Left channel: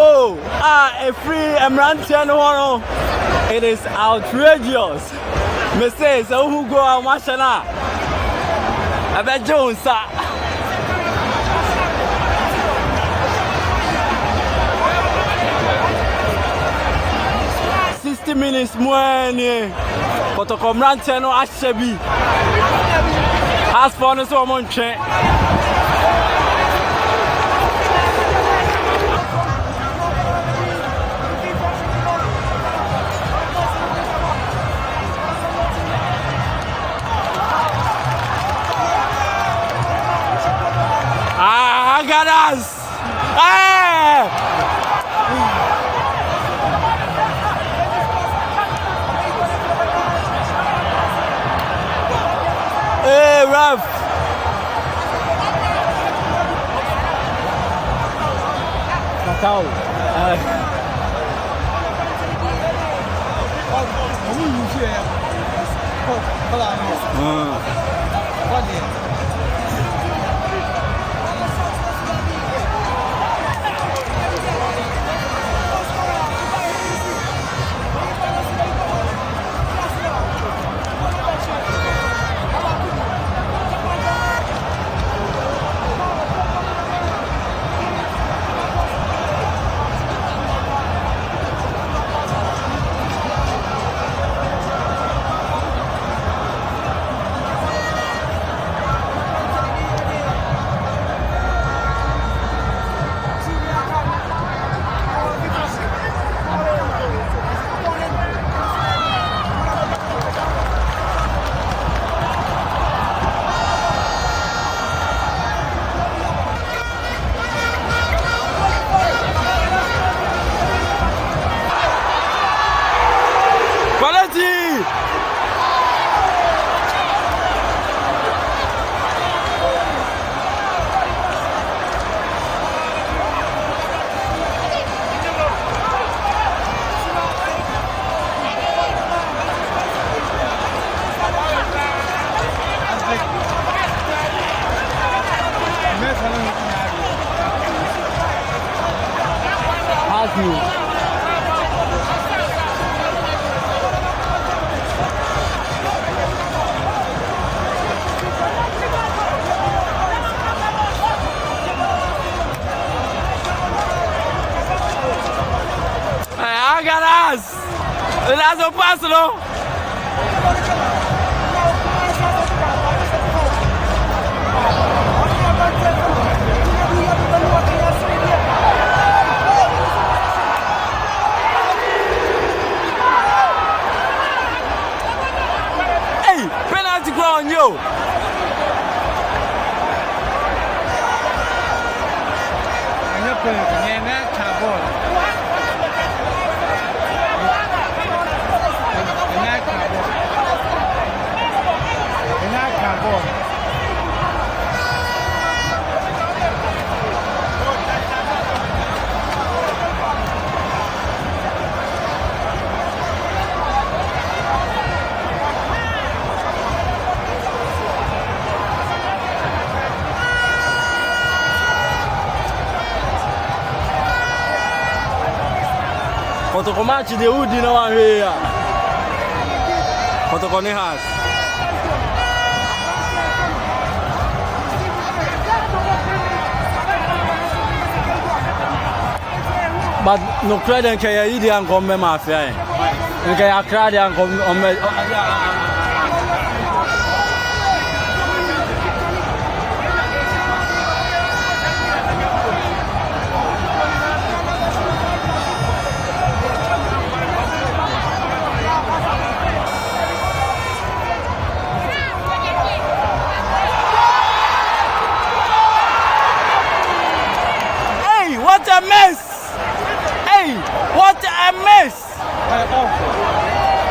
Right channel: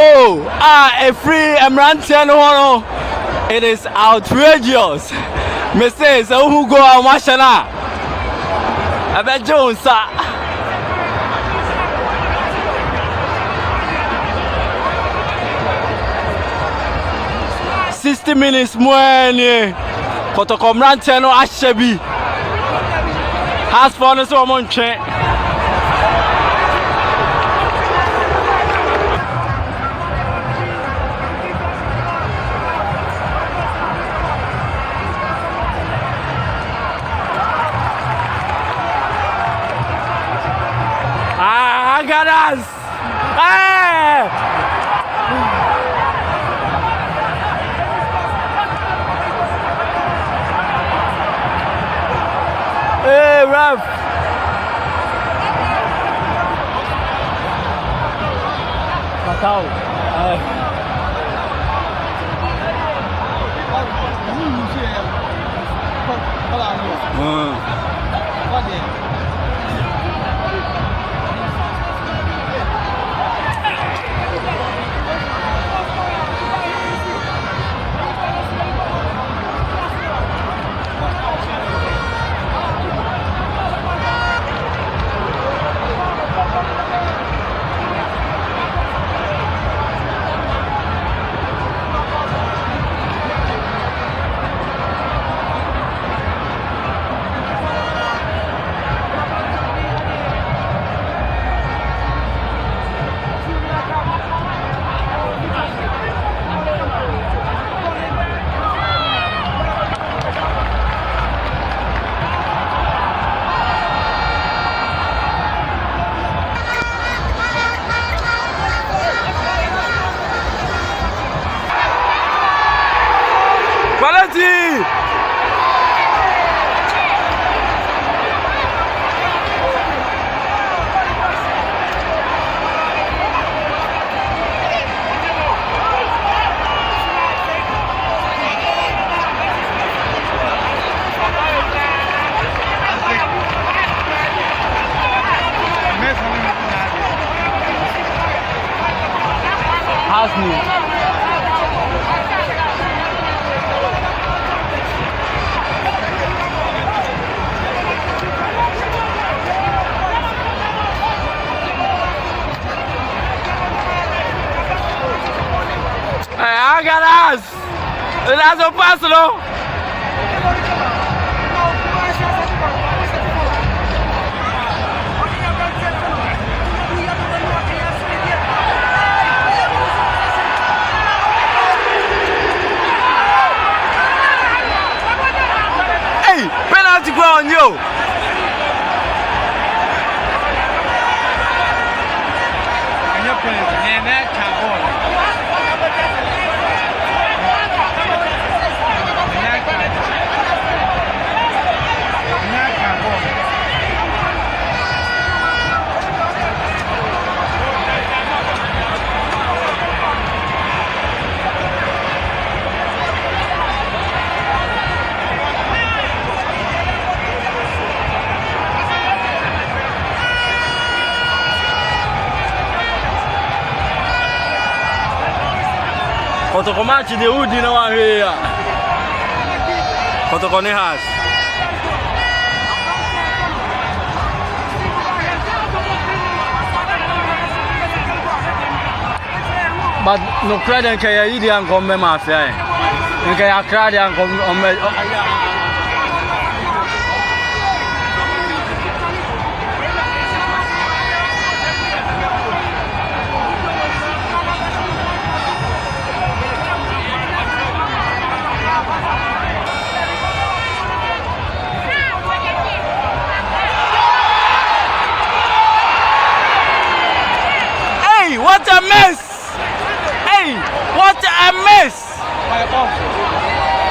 goal. A free Emrantiano. It is outrageous. Mr. So who go on Mashana? I bet Jones, sir. Minutes more Kotoko Mrantiano Ashebi has found us on train. I got us. Hey, ref. Macau. Quality! Ask me. I got us. That's a personal. Hey, penalty go on you. Kotoko match the Udi no one here. Kotoko ne has. But no credit can you eat and come mafia. You can ACCRA and come what a mess! Hey, what a mess!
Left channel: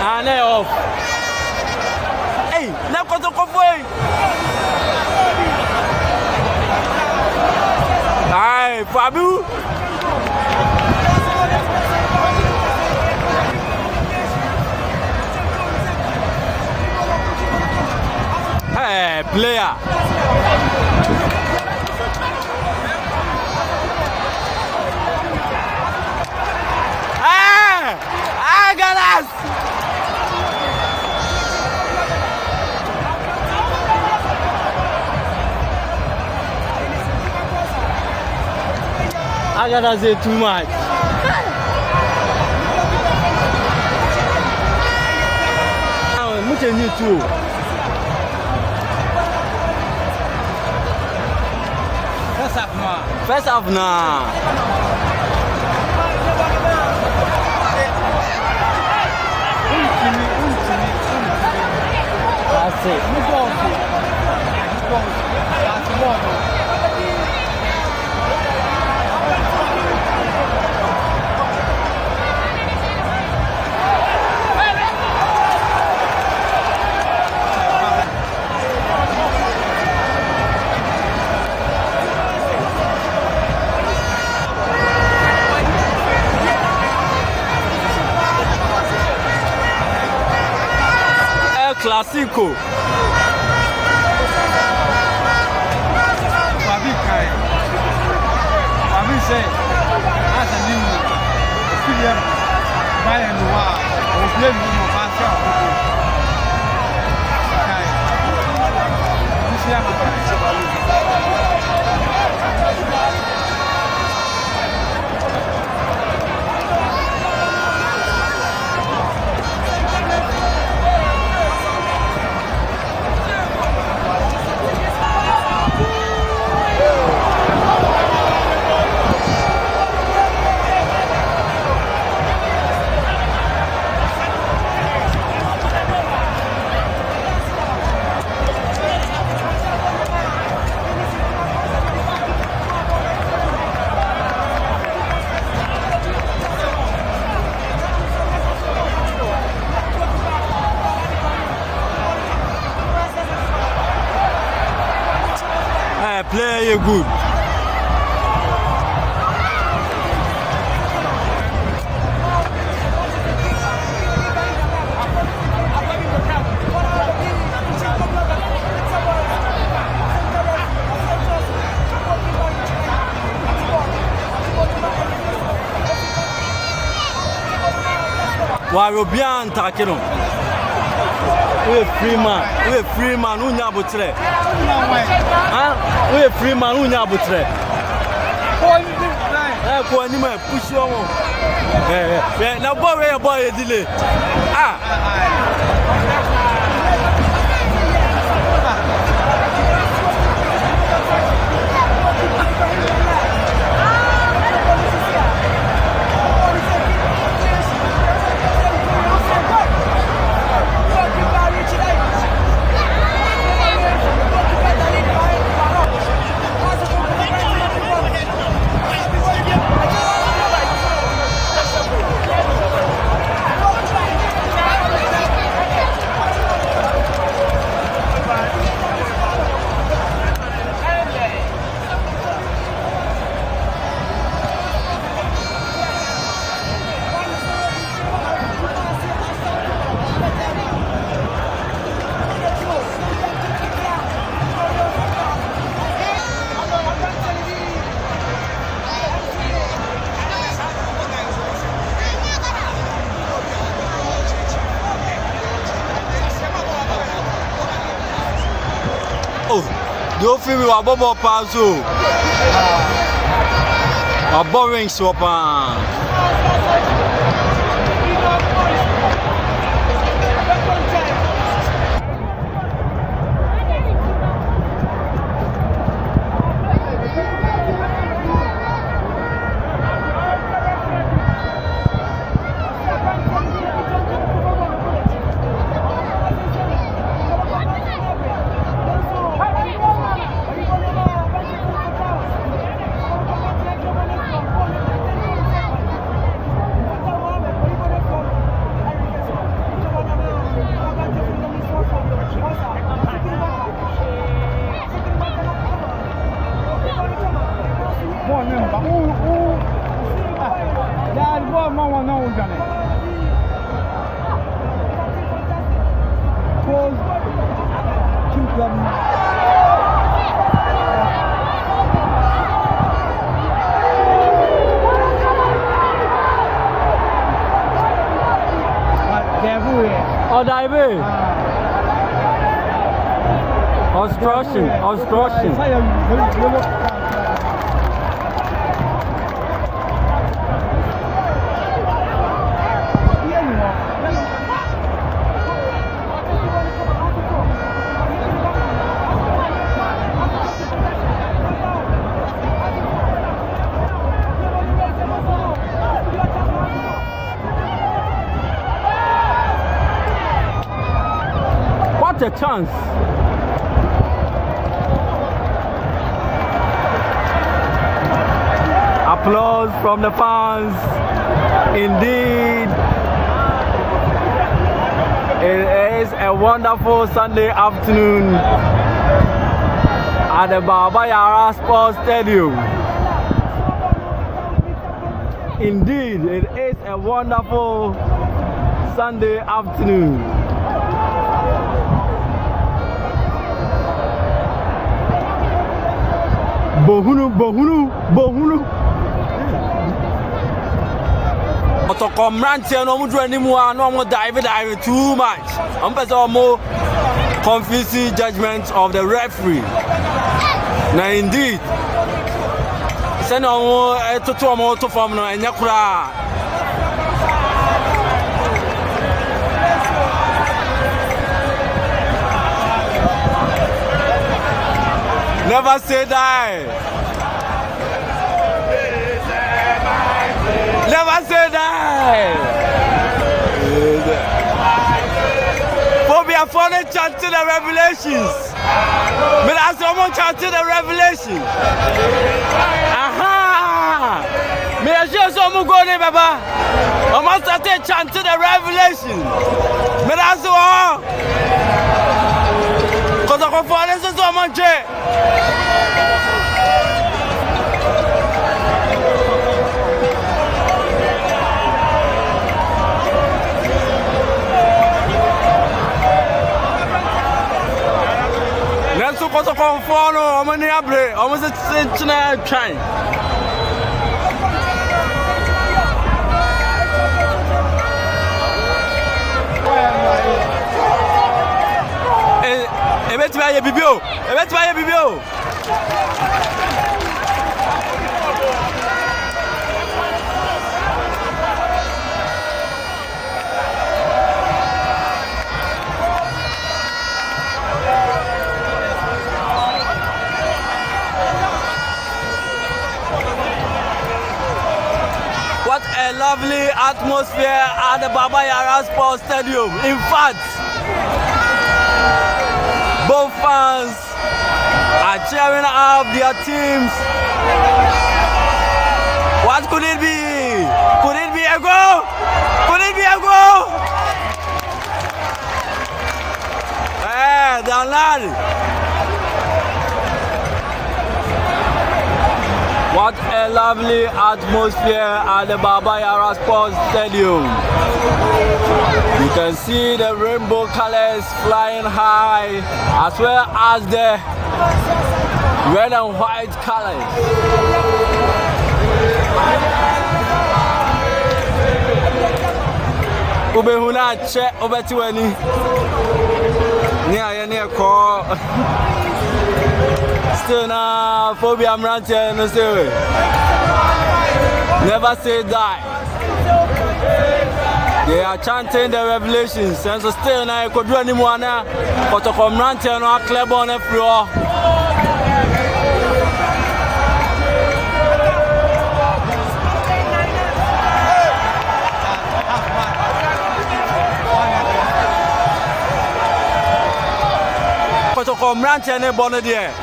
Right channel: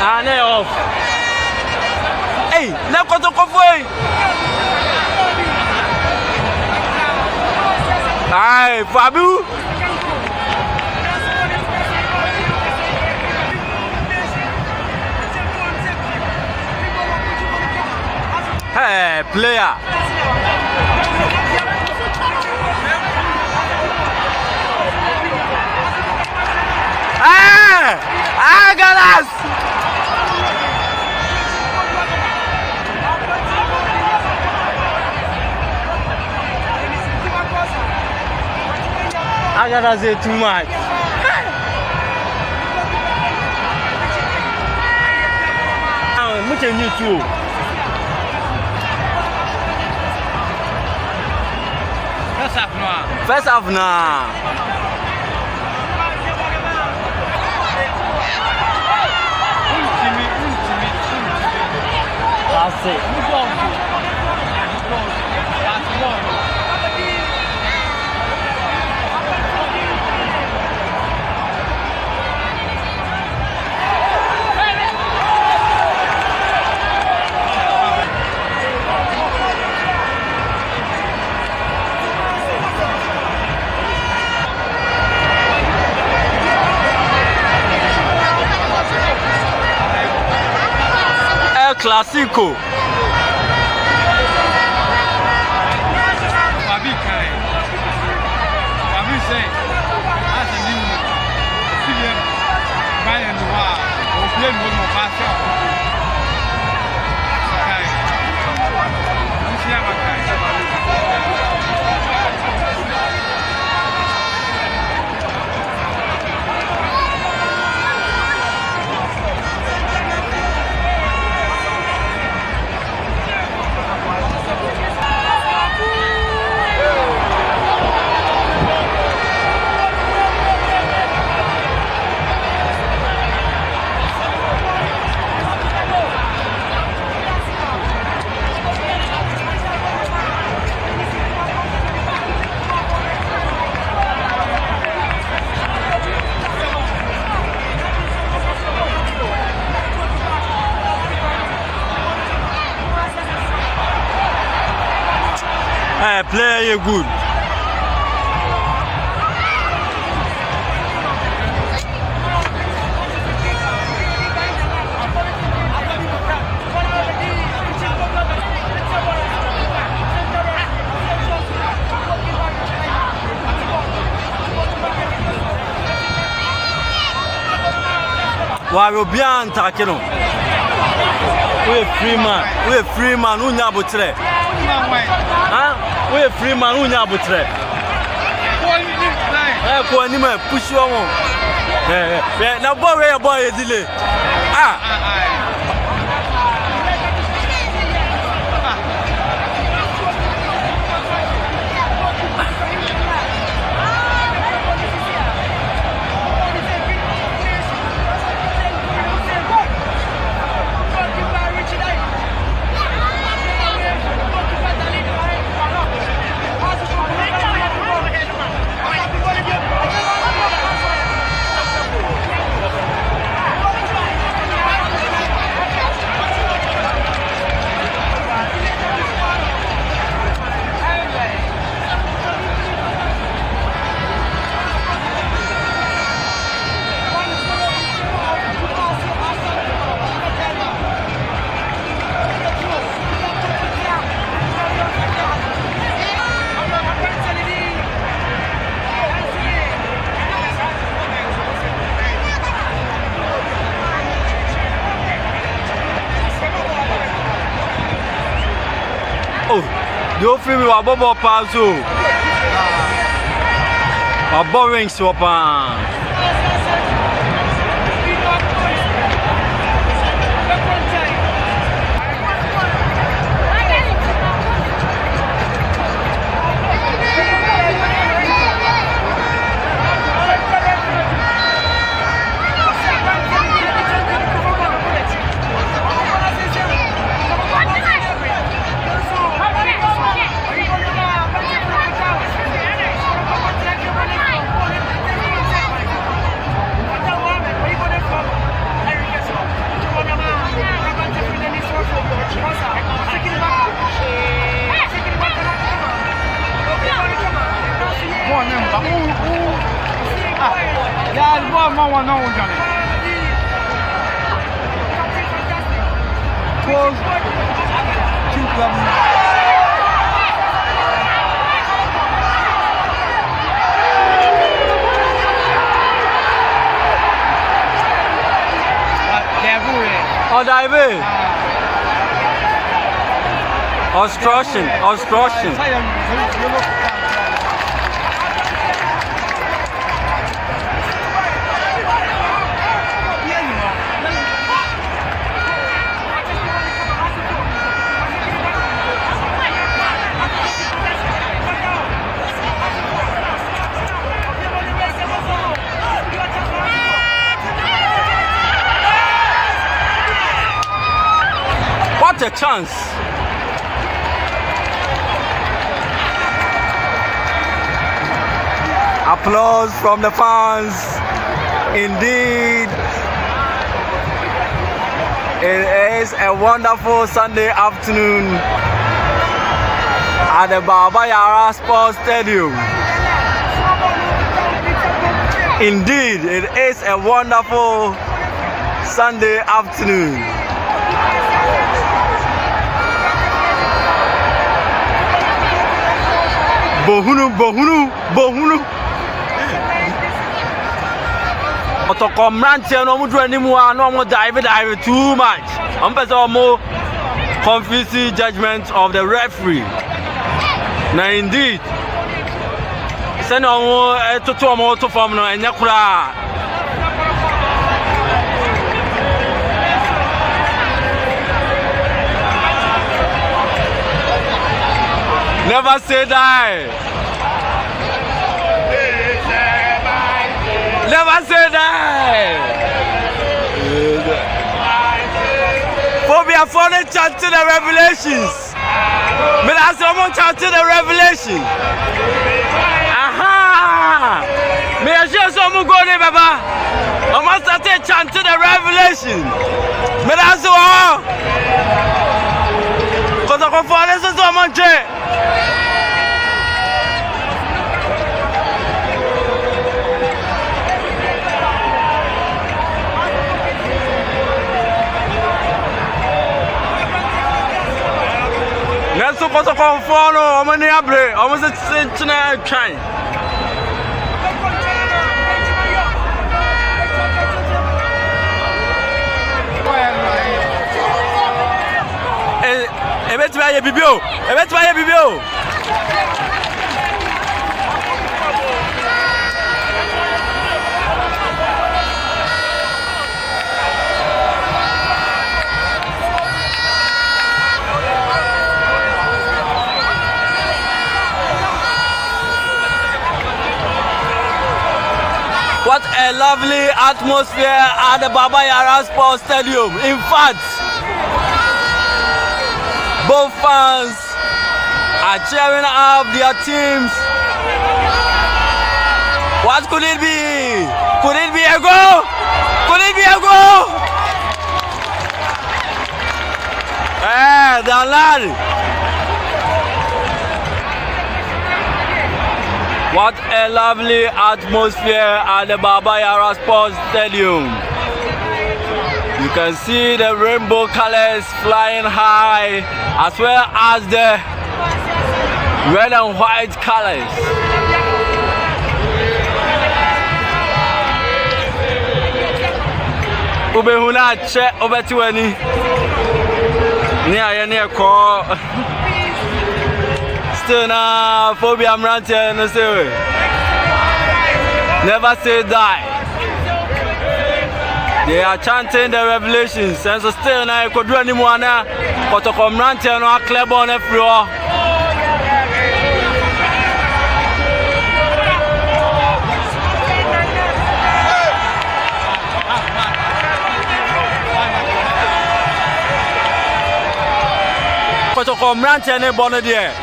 Ane off. Hey, na Kotoko foi. Ai, Fabu. Hey, player. Ah! I got us! I gotta say too much. Much need to. First half now. That's it. El Clasico. Hey, play you good. Why you be on talking? We a free man. Who nya butre? Huh? We a free man. Who nya butre? Ko ni me push you on. Na boy delay. Oh, you feel me? Wa bobo panzo. Wa boring swapa. Oh, dive. Obstruction. What a chance. Applause from the fans. Indeed, it is a wonderful Sunday afternoon at the Baba Yara Sports Stadium. Indeed, it is a wonderful Sunday afternoon. Bohunu. Kotoko mrantie no mudru animu a no mo dive too much. I'm person more confusing judgment of the referee. Now indeed, send on to mo to form no enya kura. Never say die. Never say die. Phobia for the chant to the revelations. But as someone chant to the revelation. Aha! May I show someone go there, Baba? I must start to chant to the revelation. But as well, because I can follow someone. Let's go to Conforno. I'm in the abre. I'm going to try. What a lovely atmosphere at the Baba Yara Sports Stadium. In fact, both fans are cheering up their teams. What could it be? Could it be a goal? Could it be a goal? The lad. What a lovely atmosphere at the Baba Yara Sports Stadium. You can see the rainbow colors flying high, as well as the red and white colors. Ubehuna che obetiweni. Near call. Still na phobia mrantie no say. Never say die. They are chanting the revelations, and so still na kodru animu ana kotoko mrantie no club on every all. Kotoko mrantie ne bono there.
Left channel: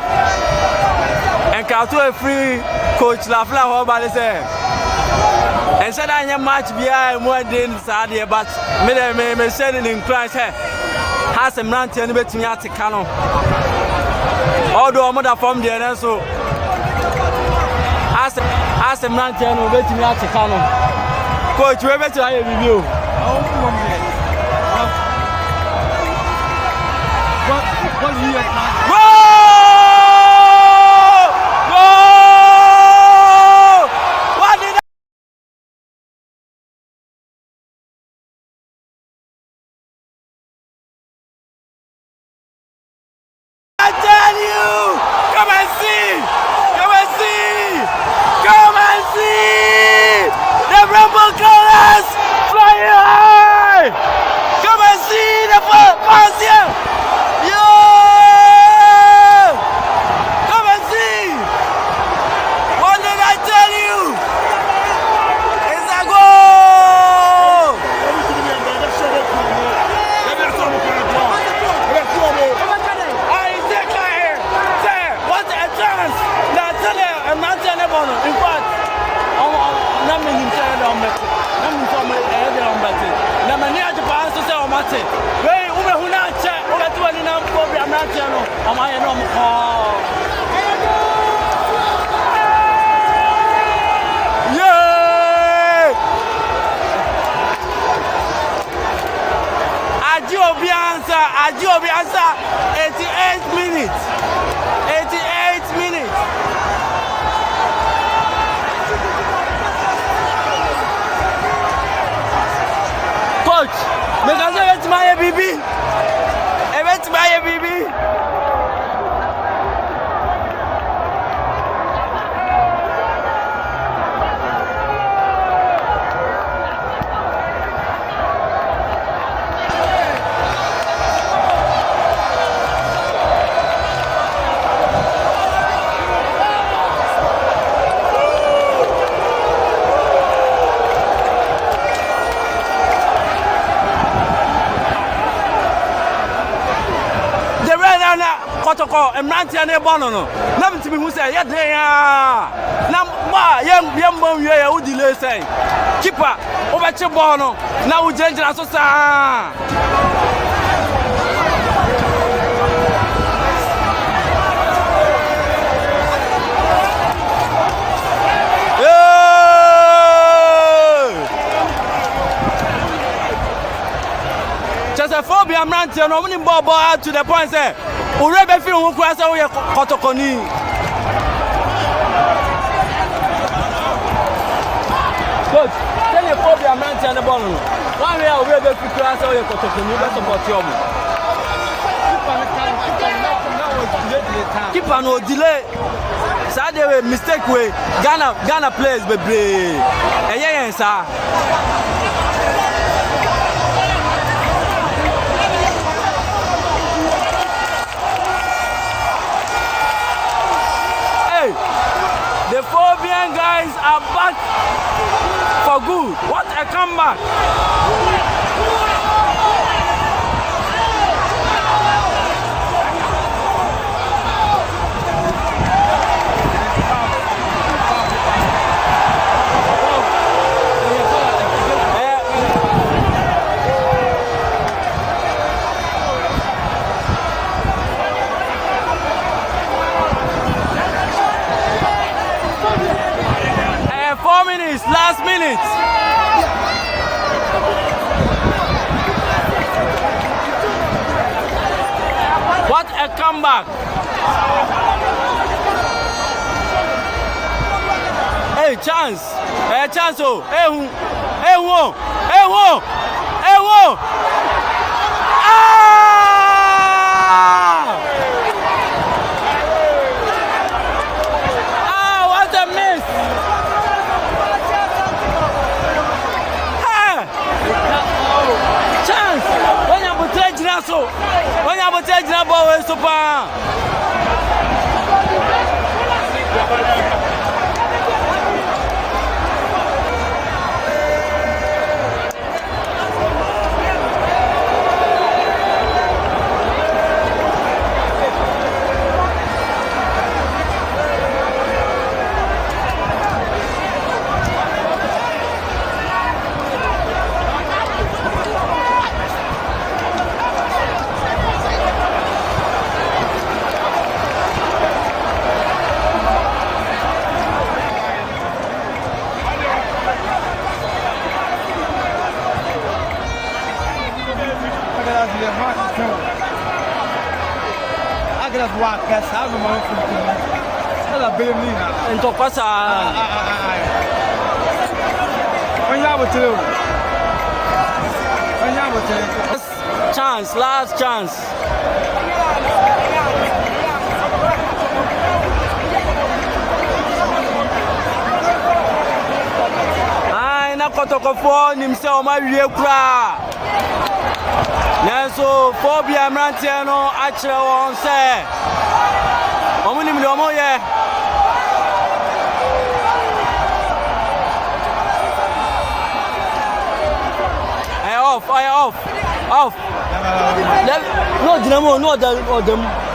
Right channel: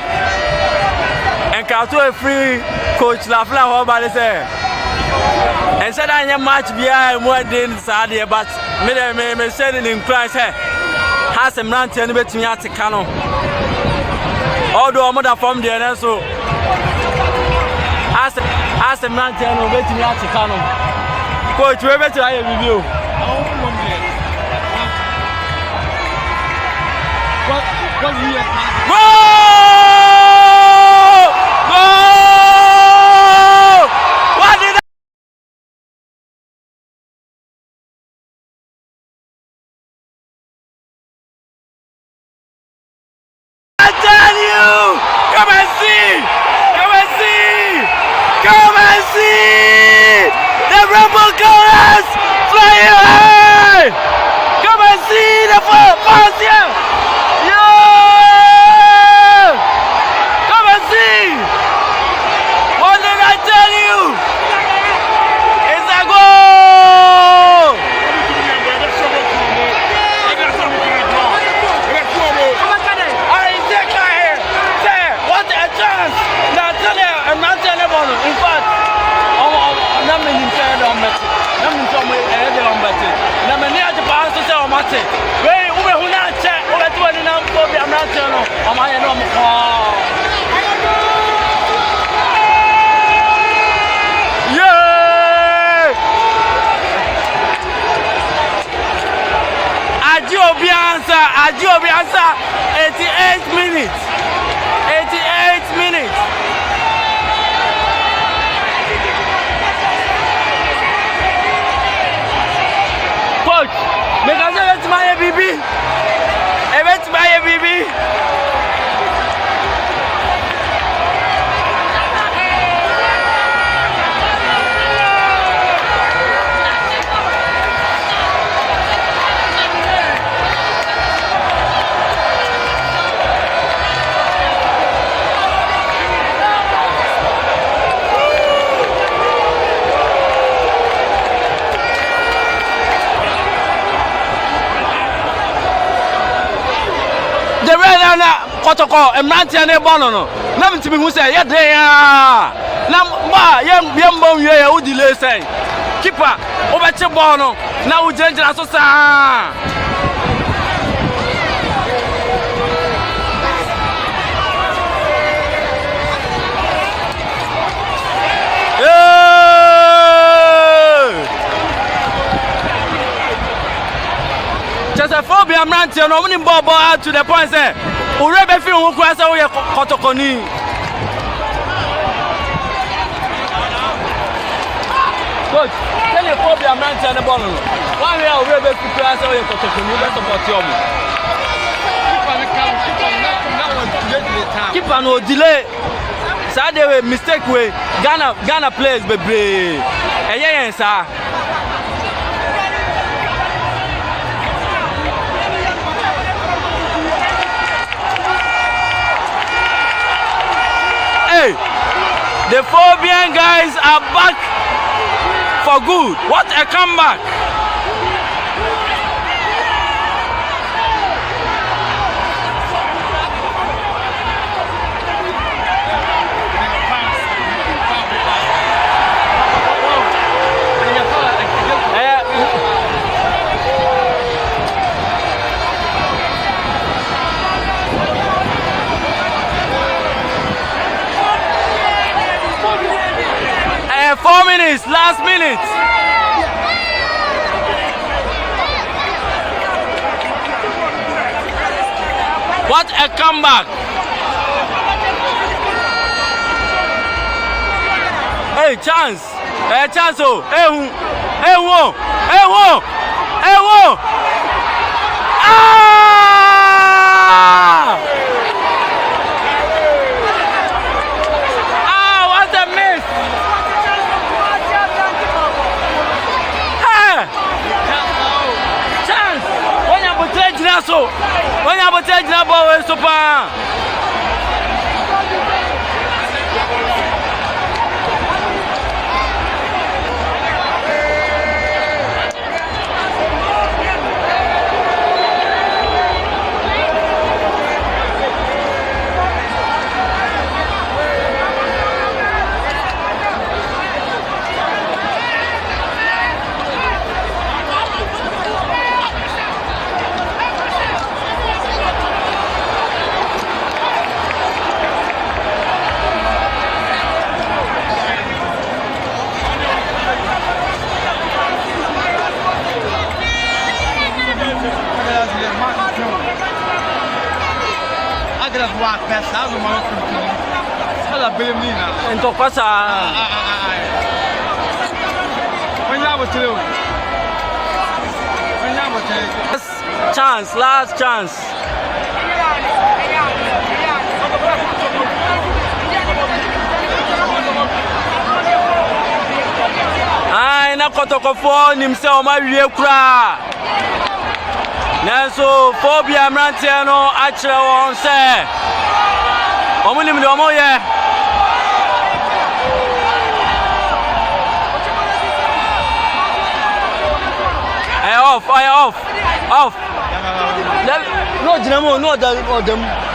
And Kato a free coach Lafla Hobale say. And said I am much behind more than Sadia, but me sending in Christ has a man to anybody to me canon. Although mother from the and so as a man to anybody to me canon. Coach, we're better to review. Whoa! I tell you, come and see, come and see, come and see the rainbow colors flying high. Come and see the fans here. Yeah, come and see. What did I tell you? It's a goal. What a chance! That's a man. In fact, I'm not inside on it. I'm in some way on better. Now, many of the past to say, I'm not saying, wait, who not check over 20 number for the American or my normal call. Yeah! Adiobiansa, 88 minutes. 88 minutes. Coach, make us event my baby. Event my baby. The red and Kotoko, a man and a bono. Nothing to be who say, yeah, they are. Now, young boy, who delay say. Keeper, over to Bono. Now, dangerous. Just a phobia, man, to no winning ball to the point, say, who rebel feel who cross away Kotokoni. Coach, tell your phobia, man, to the ball. One way, I'll rebel to cross away Kotokoni, best of your keep on no delay. Saturday mistake way. Ghana players, baby. Yeah, sir. The Phobian guys are back for good. What a comeback! Last minute. What a comeback. Hey, chance. Hey, chance. Oh, hey, whoa. What a miss. Chance. When you put it in so, when you put it in ball, super. Walk past how the mouth Então passa. Chance, last chance. kotoko for nimse o ma wie kura nanso phobia mrantie no ACCRA won se omo nim de omo ye off. No, Dinamo, no, them.